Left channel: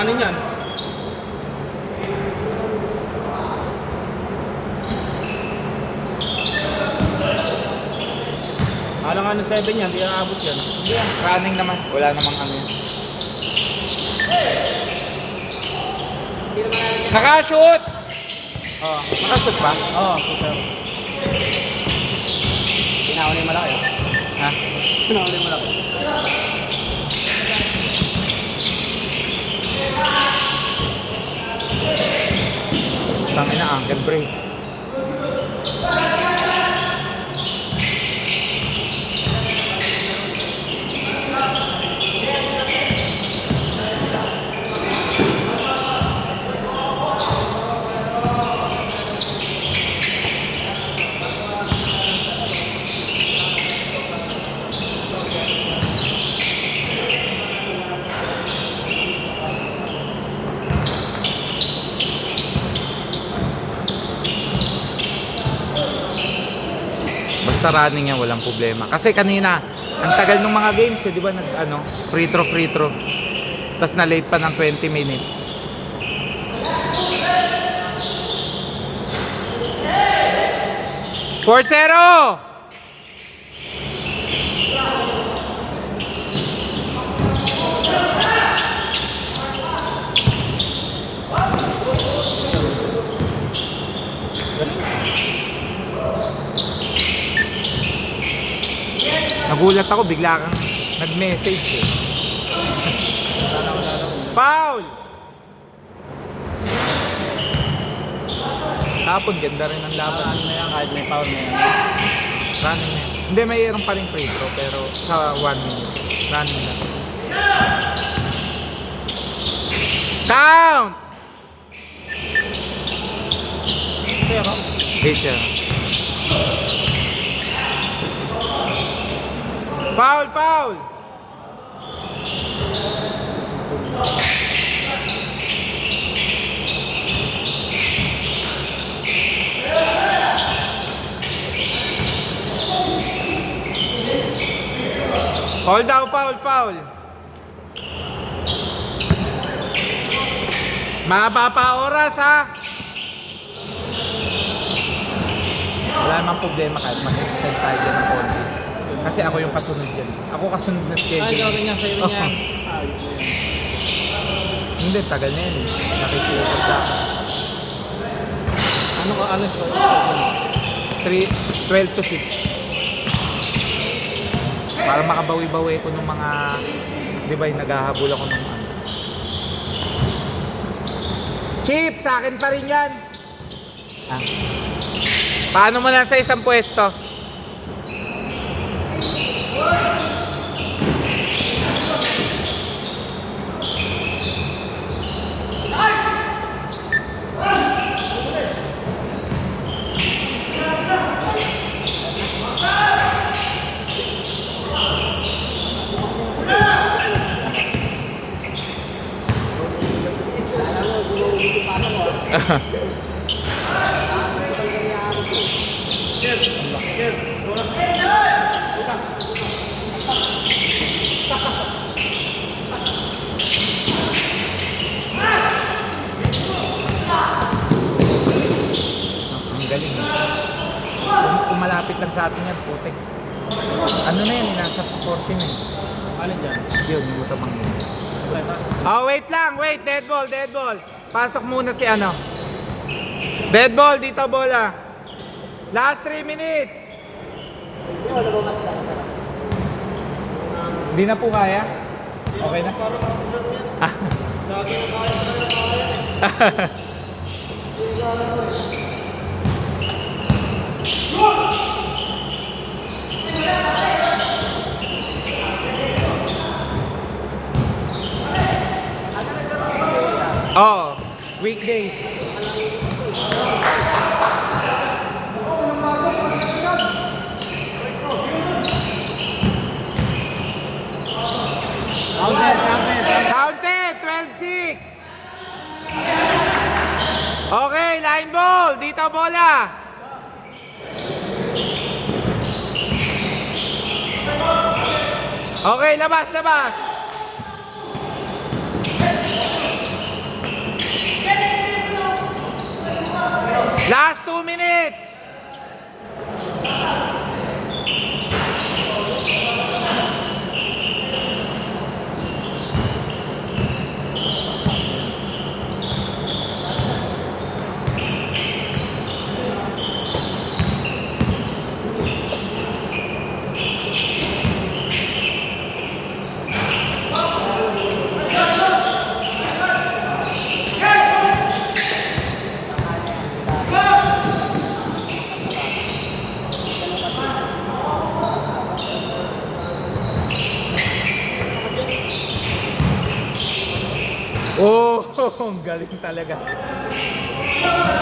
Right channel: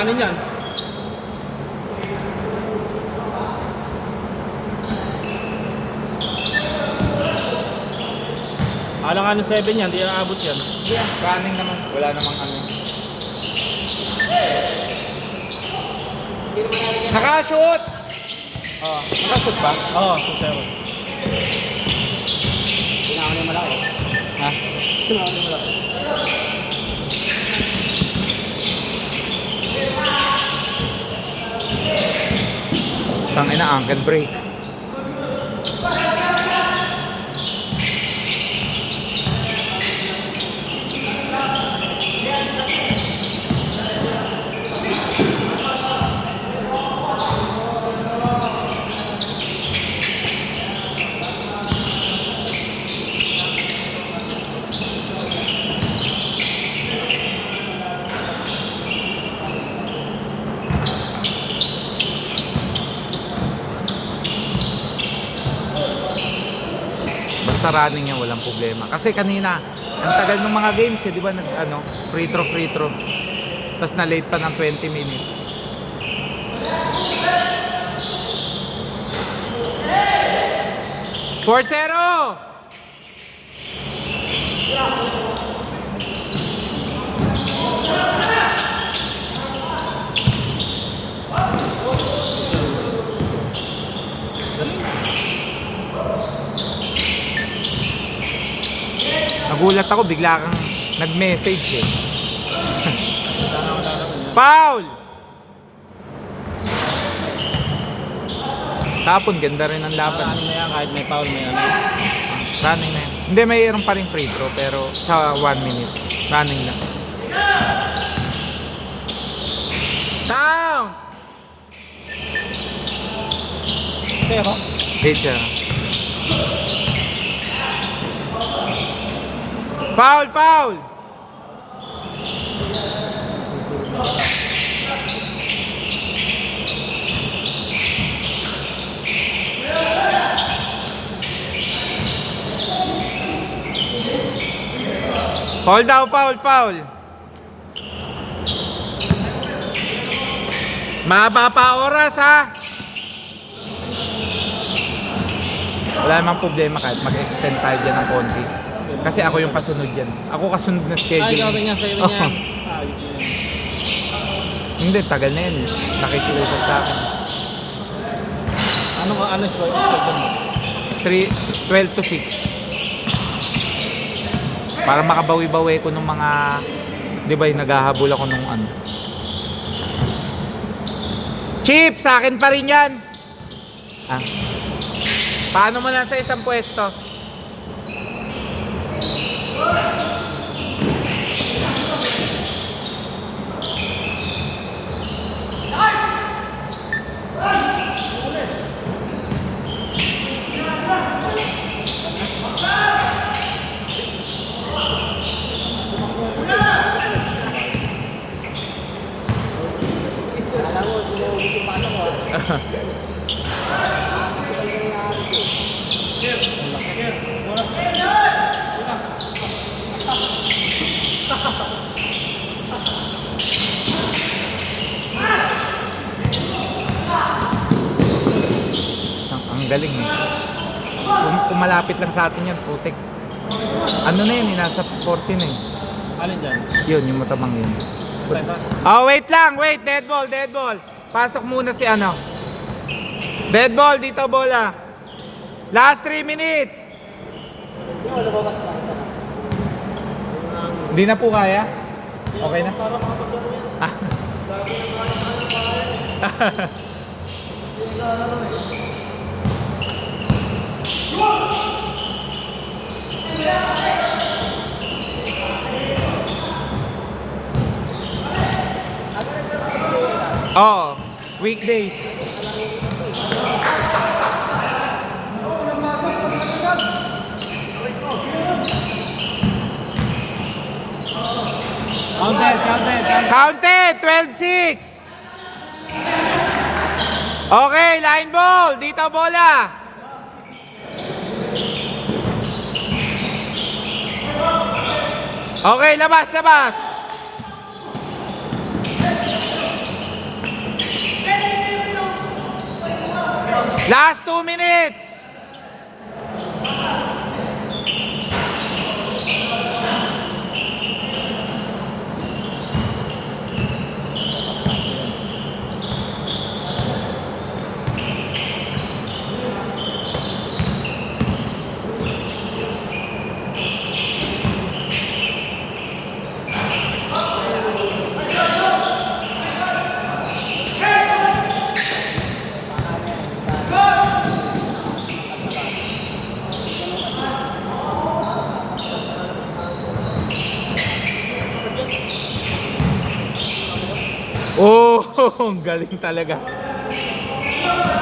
kanin yan. Alang ano 7 yan, di nakabot yan. Hindi yan, running naman. Wala namang ano. Nakashoot! Oh, nakashoot ba? Oo, sir. Tinakaw na yung malaki. Ha? Tinakaw na yung malaki. Tangin na, ankle break. Basta running niya, walang problema. Kasi kanina, ang tagal ng mga games, di ba, free throw. Tapos na-late pa ng 20 minutes. For 0! Nagulat ako, bigla kang nag-message eh. Foul! Tapon, ganda rin ang laban. Ano mo yan, kahit may foul mo yan. Running na yun. Hindi, mayroon pa rin free throw, pero sa 1 minute. Running na. Count! Pero, Hit siya. Foul! Hold daw, foul. Mahaba pa oras ha. Wala namang problema kahit mag-extend tayo dyan ng konti. Kasi ako yung kasunod dyan. Ako kasunod na ay, schedule. gawin yan sa'yo yan. Hindi, tagal na yun. Nakikiusap sa akin. Ano ko, 12 to 6. Para makabawi-bawi ko ng mga, di ba, yung naghahabol ako ng ano. Chip, sa akin pa rin yan. Ah. Paano mo na sa isang pwesto? Ang galing eh. Kung malapit lang sa atin yan, putik. Ano na yun, nasa 14 eh. Alin dyan? Yun, yung matamang yun. Oh, wait lang, dead ball. Pasok muna si ano. Dead ball, dito bola. Last 3 minutes. Hindi na po kaya? Okay na? Ah. Lagi na kaya sa kanya eh. Oh, weekdays. Counted, 12-6. Okay, line ball. Dito bola. Okay, labas. Last 2 minutes. Oh, ang galing talaga.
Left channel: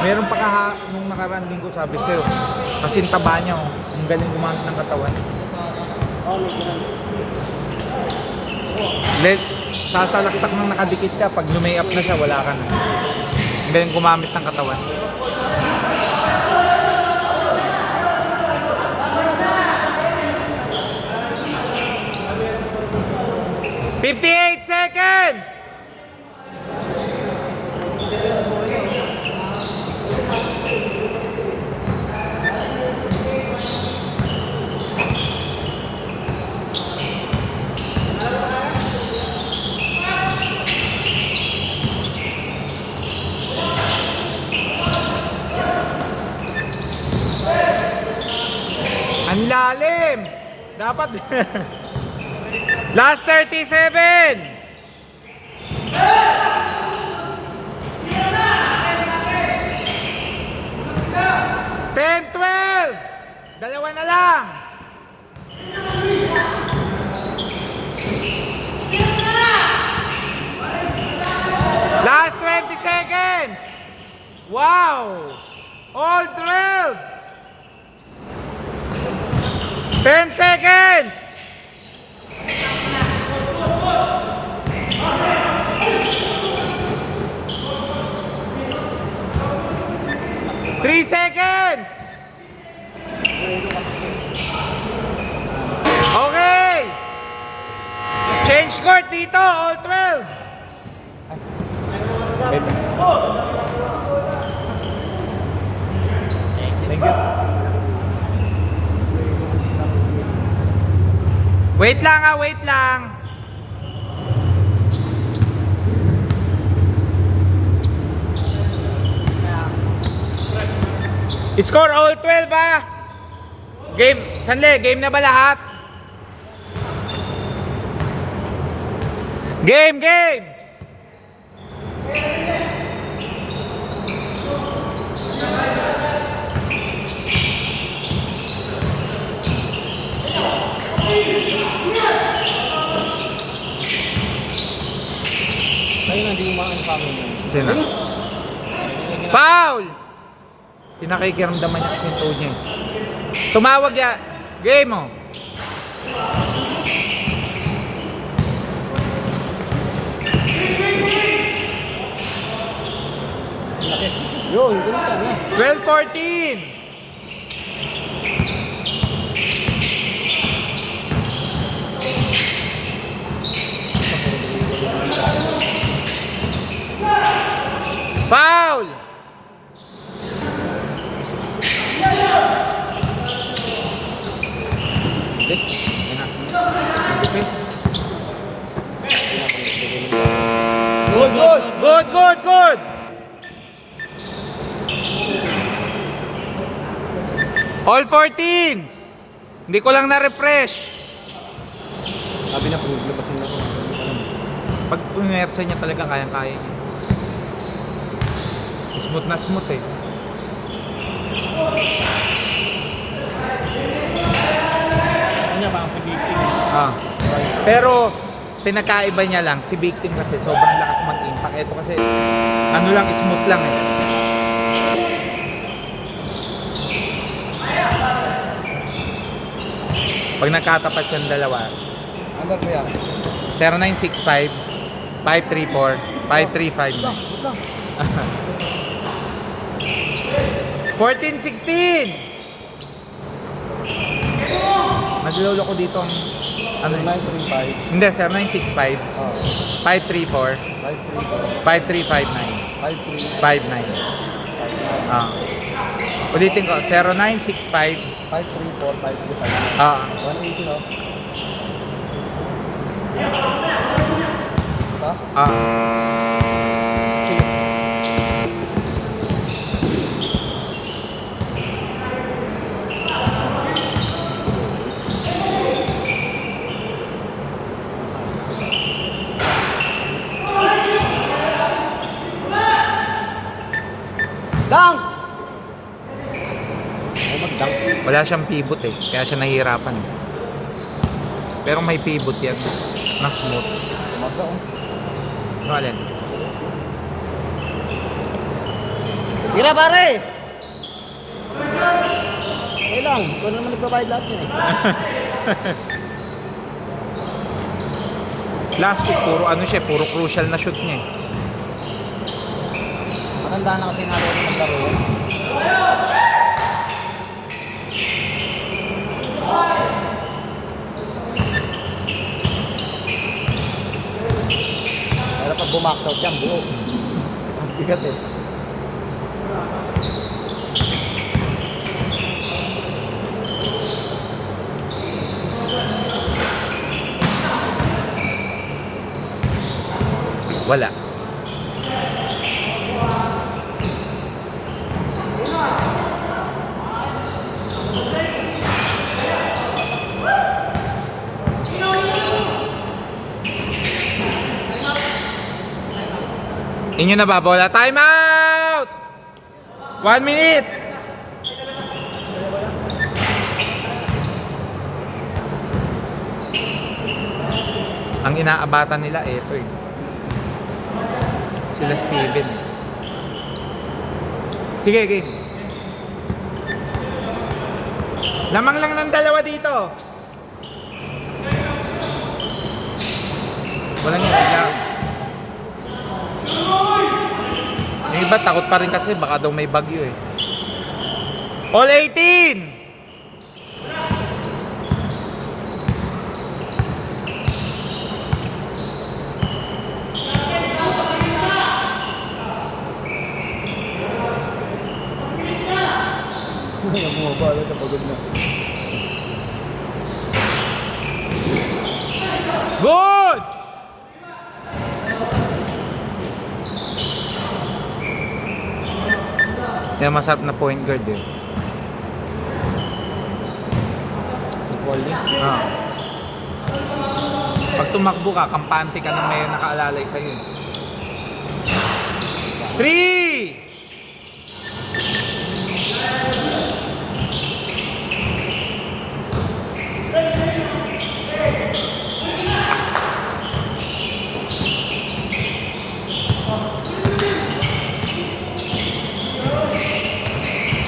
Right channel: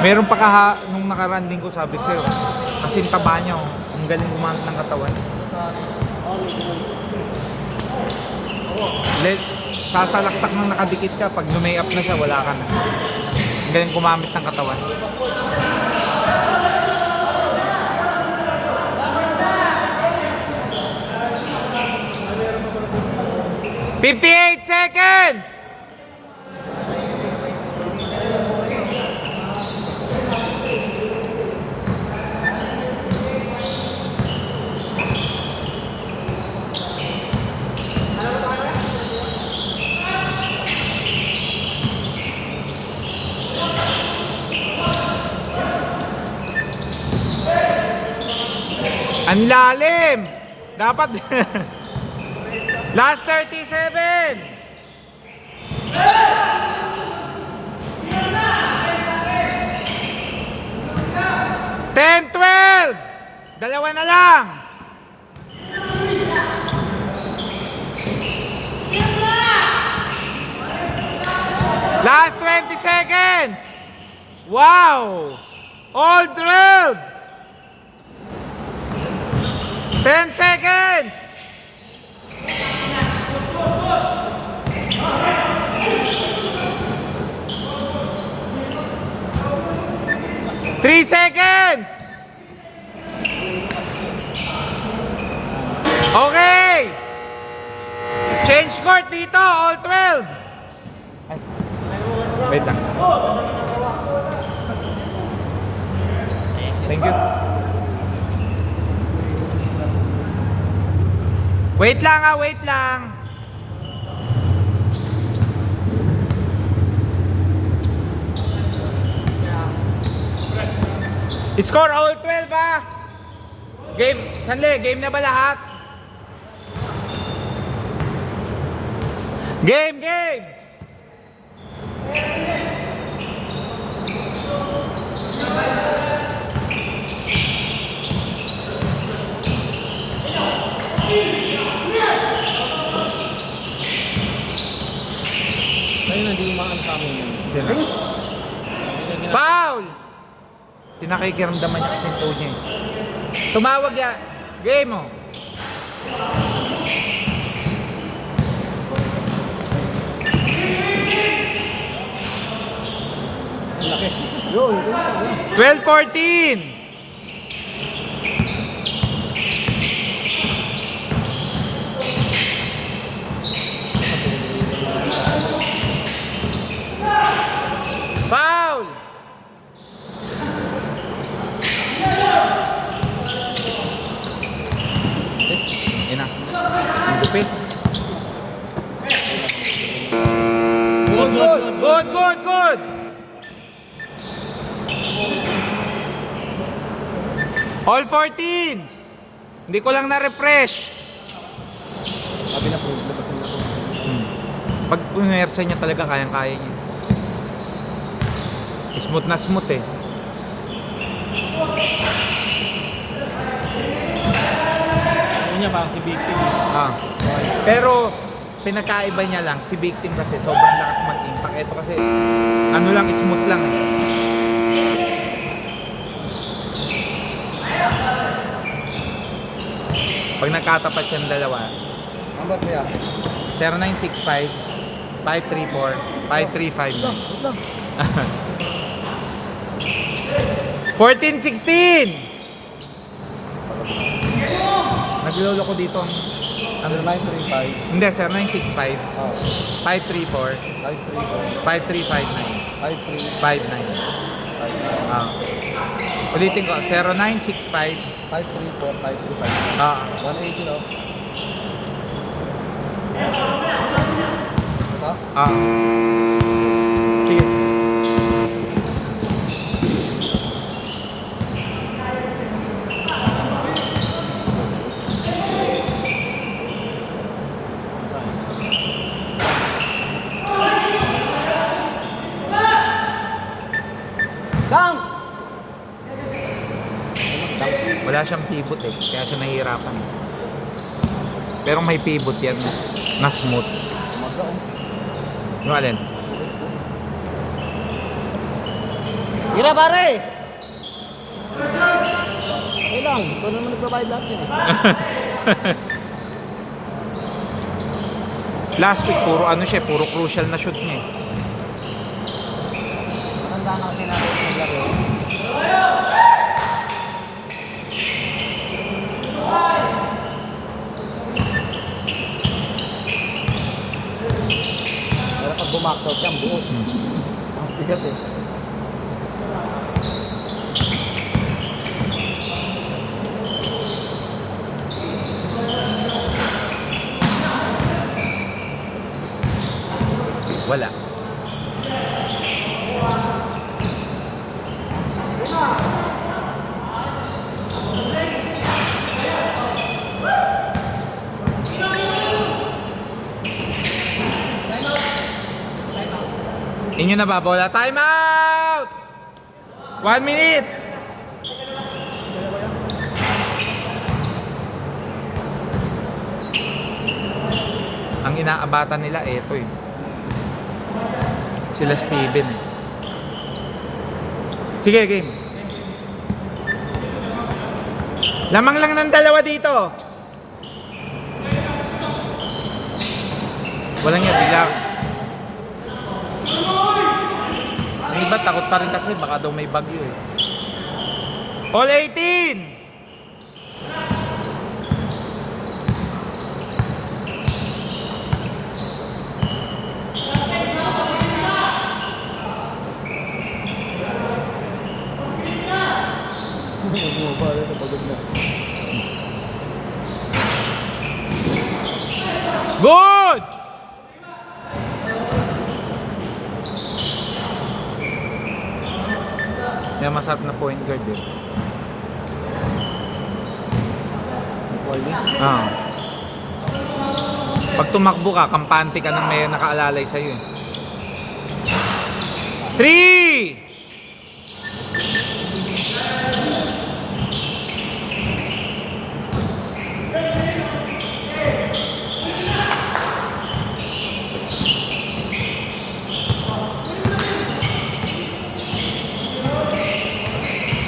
Meron pa nung nakaraan din ko sabi sa'yo. Kasi yung taba niya, oh. Ang galing gumamit ng katawan. Sasalaksak nang nakadikit ka. Pag lumay up na siya, wala ka na. Ang galing gumamit ng katawan. "58 seconds! Ang lalim! Dapat... Last 37! 10, 12! Dalawa na lang! Last 20 seconds! Wow! All 12! 10 seconds! Three seconds! Okay! Change court dito, all 12! Wait lang. Thank you. Wait lang wait lang. Score all 12 ah. Game, sandali, game na ba lahat? Game! Kayo na, hindi umaan sa amin yan. Sino? Foul! Pinakikiramdaman niya kasi yung toe niya. Tumawag ya. Game mo. Yo, hindi na sabi. 12-14. Foul! Good! All 14! Hindi ko lang na-refresh. Sabi na, puro labasin na ito. Pag umersa niya talaga, kayang-kaya niya. Smooth na smooth eh. Ano niya ba, si Big Ting? Pero pinakaiba niya lang, si Big Ting kasi sobrang lakas mag-impact. Ito kasi ano lang, smooth lang eh. Pag nagkatapat yung dalawa, Number mo yan? 0965 534 5359. 14-16! Naglolo ko dito ang... Ano 935? Hindi, 0965 534 534 5359 53 59. Ah. Ulitin ko, 0965. 534-535. Ah, 180, no? Ito? ah. Sige. Down! Wala siyang pivot eh, kaya siya nahihirapan. Pero may pivot yan na smooth. Umaga, oh. Ano alin? Tira, pare! Okay lang. Ito naman nagbabayad lahat niya. Last week, puro ano siya, puro crucial na shoot niya eh. Maganda na kasi natin yung laro. Pero pag bumax out yan, buo. Ang bigat eh. Wala. Inyo na ba bola? Time out! 1 minute! Ang inaabatan nila, eto eh. Sila Steven. Sige, game. Lamang lang ng dalawa dito. Walang yan, bilang. Yung iba takot pa rin kasi baka daw may bagyo eh. All 18! Bumabala na pagod na. Good! Yan masarap na point guard eh. Si Paul yun. Ah. Pag tumakbo ka, kampante ka nang may nakaalalay sa'yo eh. 3!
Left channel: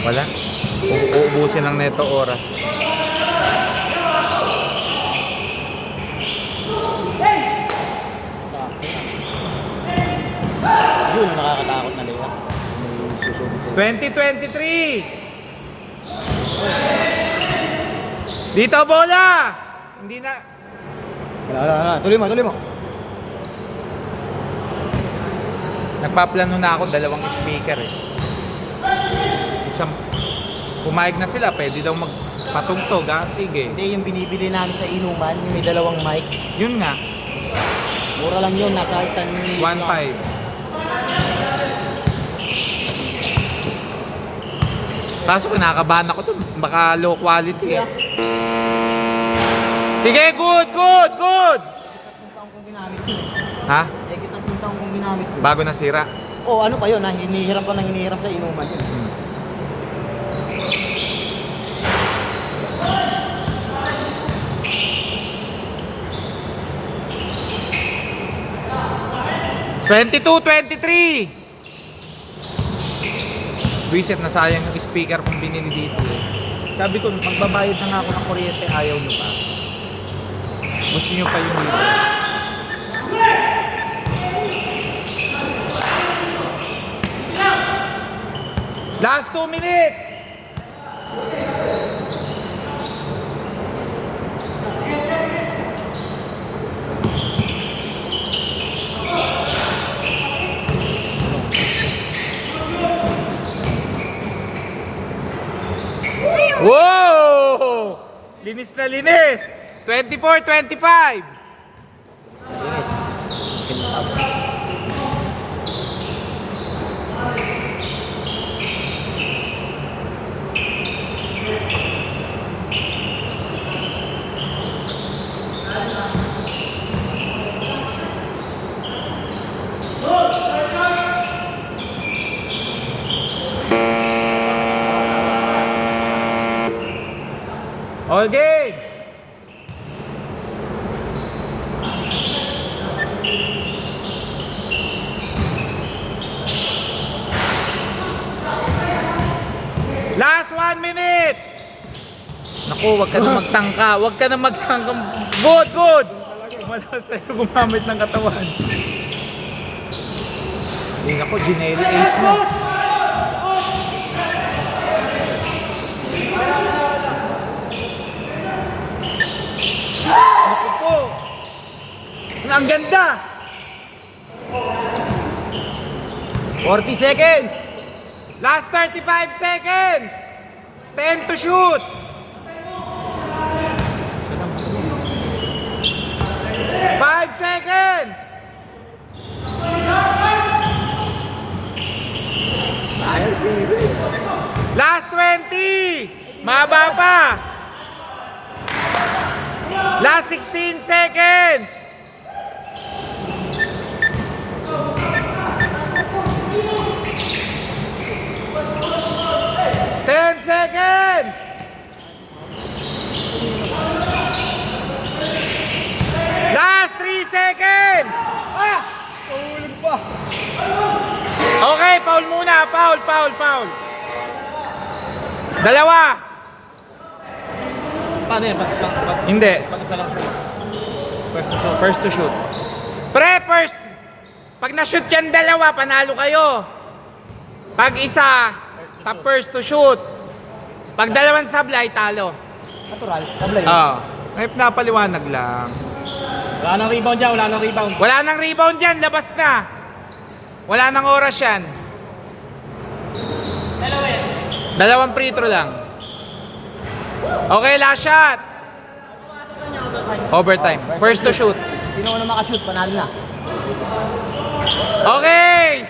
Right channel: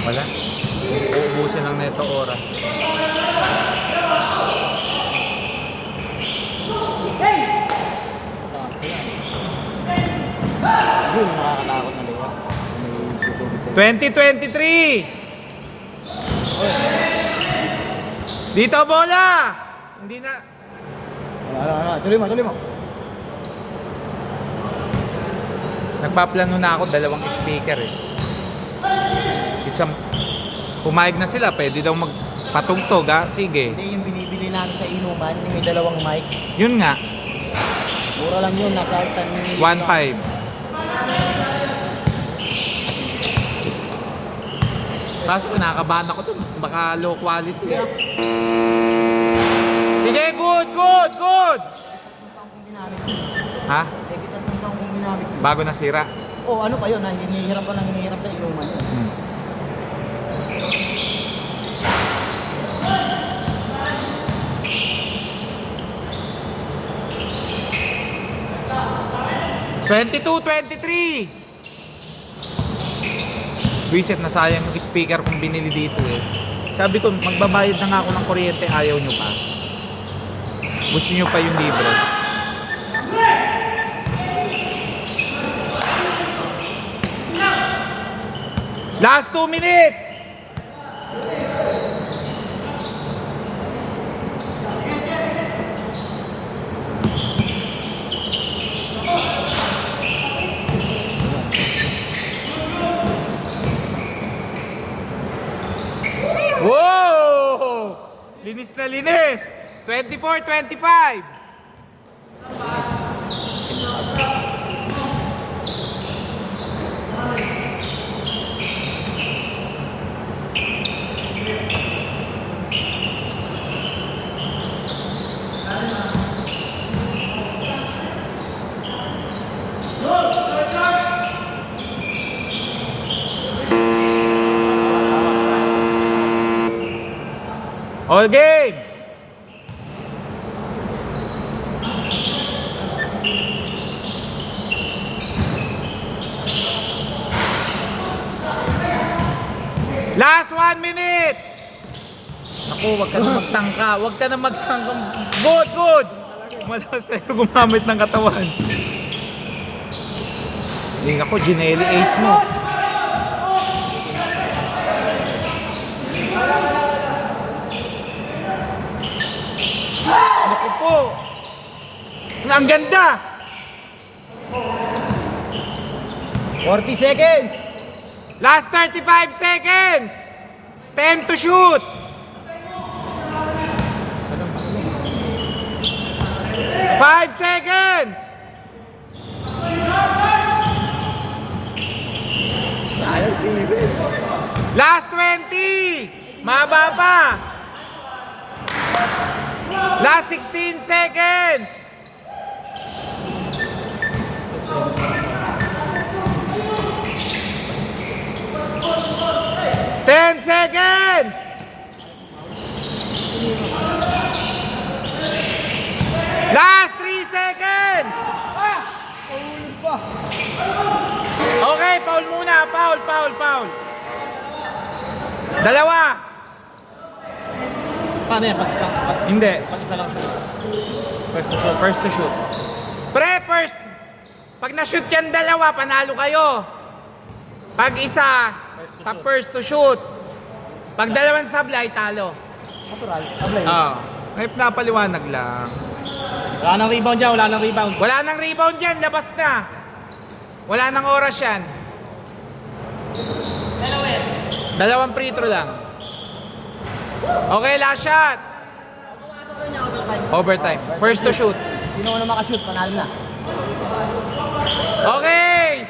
Wala. Uubusin lang neto oras. Yun, nakakatakot na liwa. May susubit sa'yo. 2023! Dito bola! Hindi na. Tuloy mo, tuloy mo. Nagpaplano na ako, dalawang speaker eh. Isang, pumayag na sila, pwede daw magpatugtog ha? Sige. Hindi yung binibili namin sa inuman, yung may dalawang mic. Yun nga, Mura lang yun, nasa isang 1.5. Kaso kinakabahan ako dun, baka low quality eh. Sige, good, good, good! Ha? kung ginamit ko. Bago nasira. Oh, ano pa yun, hinihiram pa na hinihiram sa inuman yun. Hmm. '22, 23! Reset na sayang yung speaker kung binili dito eh. Sabi ko, magbabayad na nga ako ng kuryente, ayaw nyo pa. Gusto nyo pa yung libre. Last 2 minutes! na linis. 24-25. All game. Last 1 minute. Naku, wag ka na magtangka. Wag ka na magtangka. Good, good. Malas tayo gumamit ng katawan. Hindi ako, Ginelli ace mo. Naku po. Ang ganda. 40 seconds. Last 35 seconds. 10 to shoot. 5 seconds. Last 20. Maba pa. Last 16 seconds. Ten seconds. Last 3 seconds. Okay, foul muna. Foul. Dalawa. Paano yan? Hindi. Pag isa lang shoot. First to shoot. Pre, first. Pag na-shoot yan dalawa, panalo kayo. Pag isa, first to shoot. Pag dalawang sablay, talo. Natural. Ngayon napaliwanag lang. Wala nang rebound dyan, wala nang rebound. Wala nang rebound dyan, labas na. Wala nang oras yan. Dalawang free throw lang. Okay, last shot. Overtime. First to shoot. Sino na makashoot, panalo na. Okay!